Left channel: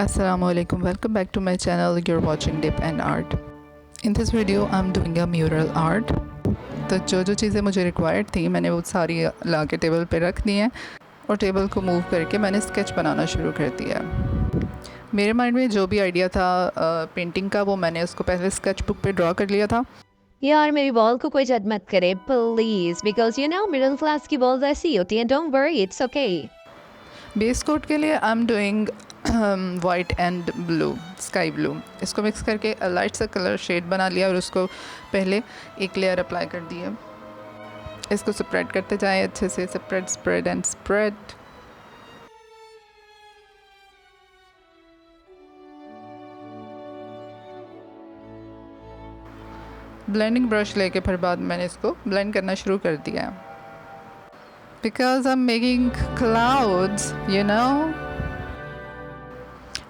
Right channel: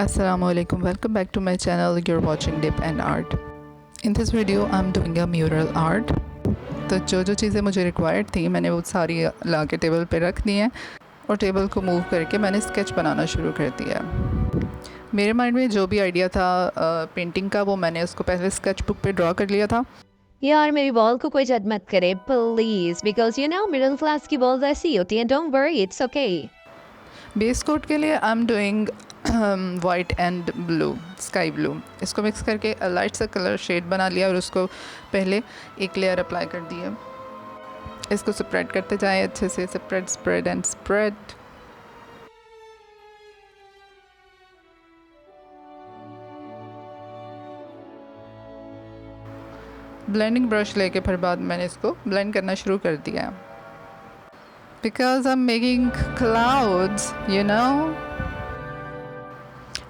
Assalamualaikum, welcome back to my channel. You're watching Dip and Art. In this video I'm doing a mural art. तो जो चीज़ें मुझे required थी मैंने वो सारी ला के टेबल पे रख दी हैं और टेबल को मूव करके मैंने स्केच बनाना शुरू कर दिया। मेरे माइंड में जो भी आइडिया था पेंटिंग का वो मैंने उसको पहले स्केच बुक पे ड्रॉ कर लिया था। यार मेरी बॉल को कोई जज मत करे please, because you know middle class की बॉल्स ऐसी होती हैं। Don't worry, it's okay. Base coat के लिए I am doing white and blue, sky blue. इसको मिक्स करके लाइट सा कलर शेड बना लिया और उसको पहले एक लेयर अप्लाई कर दी है। इसको स्प्रेड करते जाएं अच्छे से, spread spread and spread. Blending brush लेके फिर बाद मैंने इसको ब्लेंड करना शुरू कर दिया, because I am making clouds, you know.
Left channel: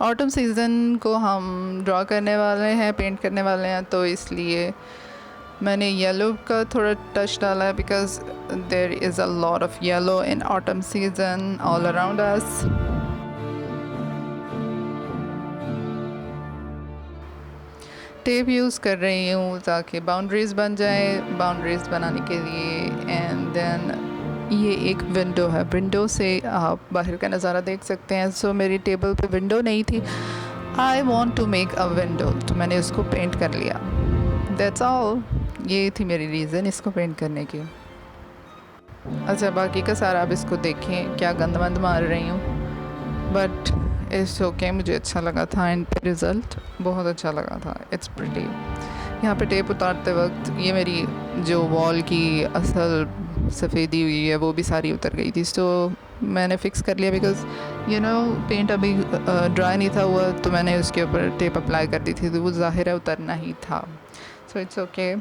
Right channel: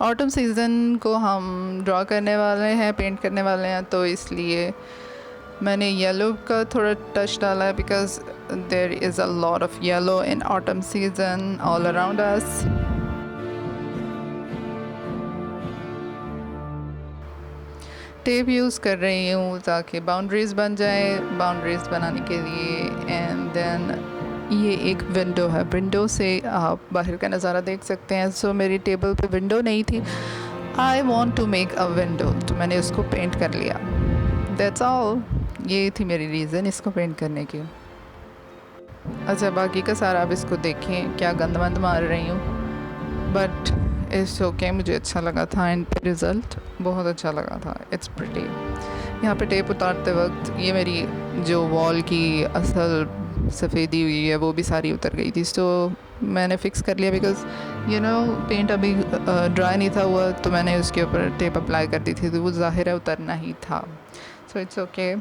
Autumn season को हम ड्रॉ करने वाले हैं, पेंट करने वाले हैं, तो इसलिए मैंने येलो का थोड़ा टच डाला है, because there is a lot of yellow in autumn season all around us. Tape use कर रही हूँ ताकि बाउंड्रीज़ बन जाए, बाउंड्रीज़ बनाने के लिए। एंड देन ये एक विंडो है, विंडो से आप बाहर का नज़ारा देख सकते हैं। सो मेरी टेबल पे विंडो नहीं थी, I want to make a window, तो मैंने उसको पेंट कर लिया। दैट्स ऑल, ये थी मेरी रीज़न इसको पेंट करने की। अच्छा, बाकी का सारा आप इसको देखें, क्या गंद मंद मार रही हूँ, बट इट्स ओके। मुझे अच्छा लगा था एंड रिज़ल्ट बहुत अच्छा लगा था। It's pretty. यहाँ पे टेप उतारते वक्त ये मेरी जो वॉल की असल सफ़ेदी हुई है वो भी सारी उतर गई थी। सो मैंने फ़िक्स कर लिया, बिकॉज़ यू नो पेंट अभी ड्राई नहीं था हुआ, तो मैंने उसके ऊपर टेप अप्लाई कर दी थी, तो वो ज़ाहिर है उतरना ही था। So it's okay.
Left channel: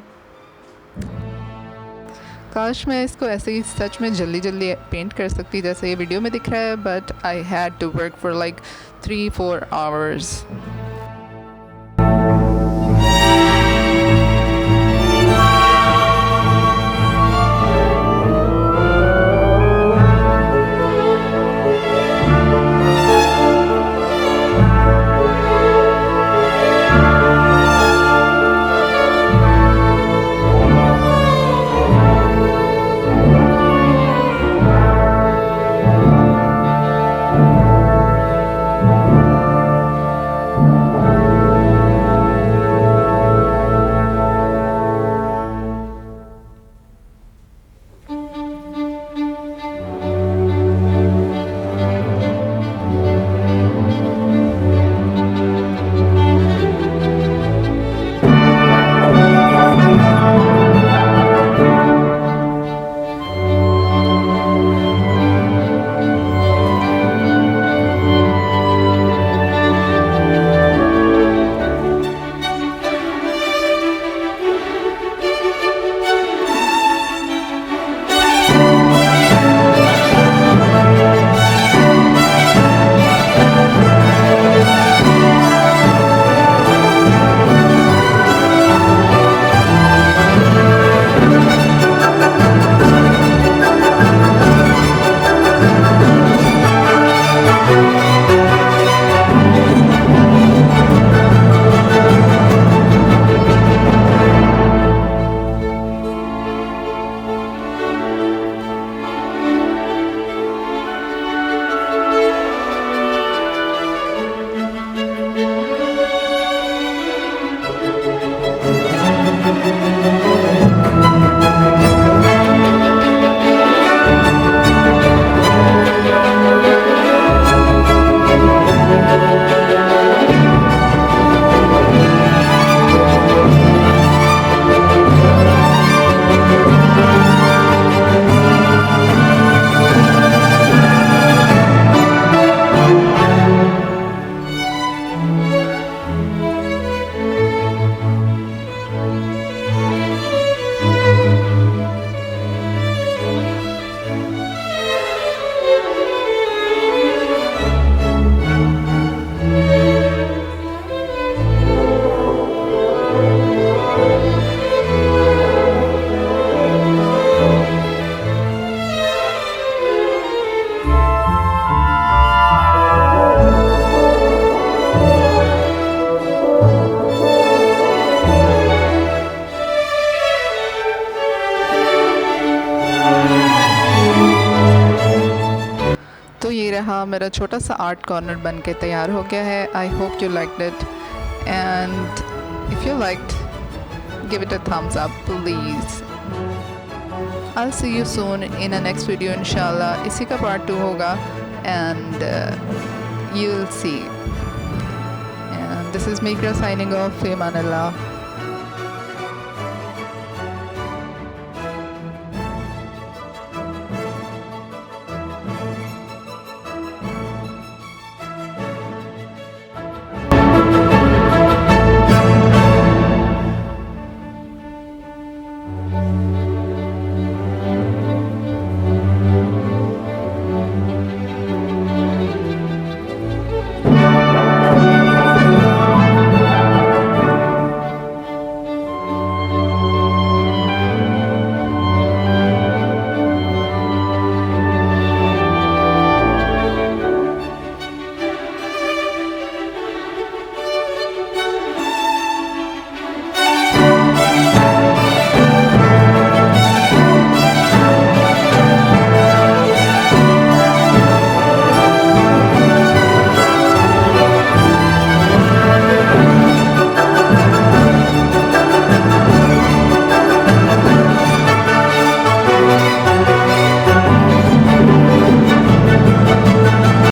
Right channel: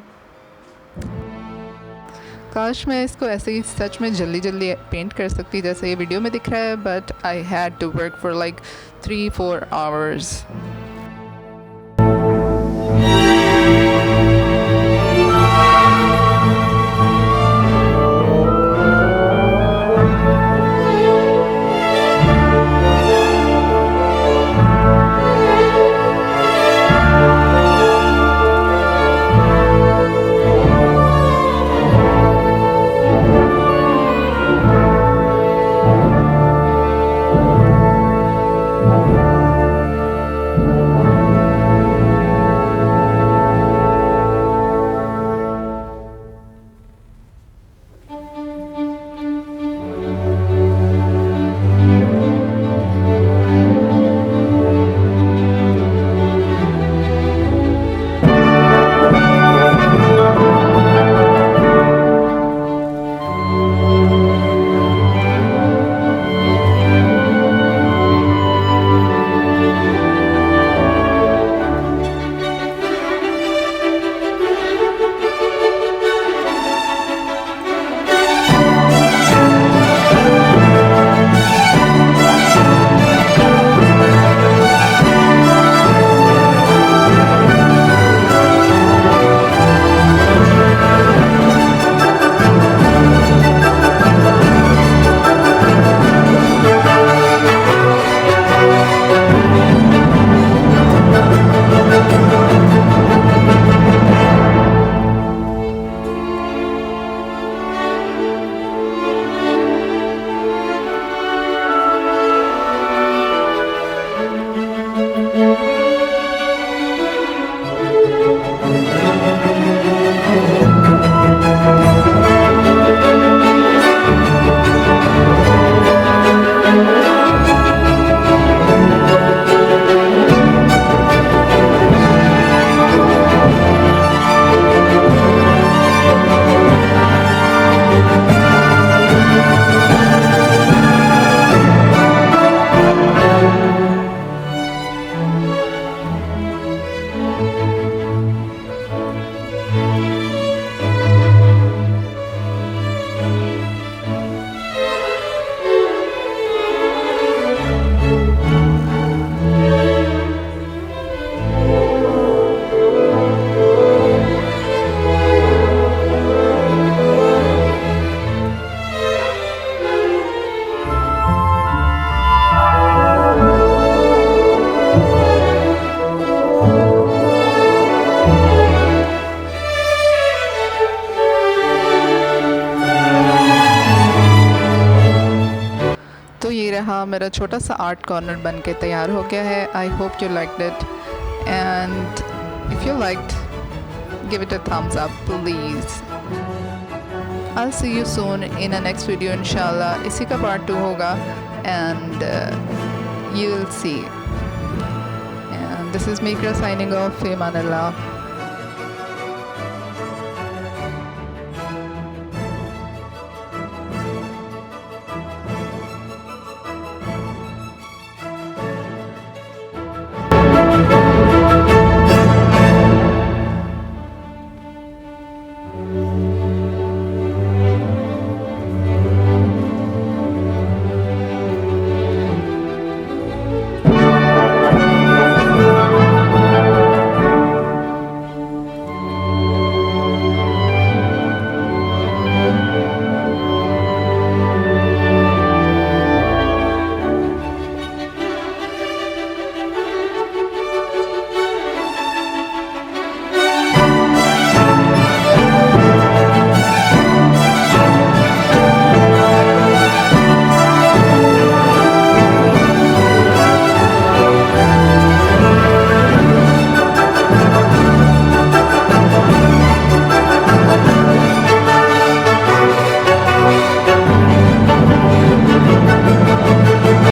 काश मैं इसको ऐसे ही सच में जल्दी जल्दी पेंट कर सकती जैसे ये वीडियो में दिख रहा है, but I had to work for like 3-4 hours. ये रहा मेरा छोटा सा आर्ट कॉर्नर बन के तैयार हो गया है. I hope you liked it, and if you liked give it a thumbs up please. I'll see you soon in a next video inshallah. इसी का part 2 होगा, and you will see. And this is Mikra signing off. Fi aman Allah.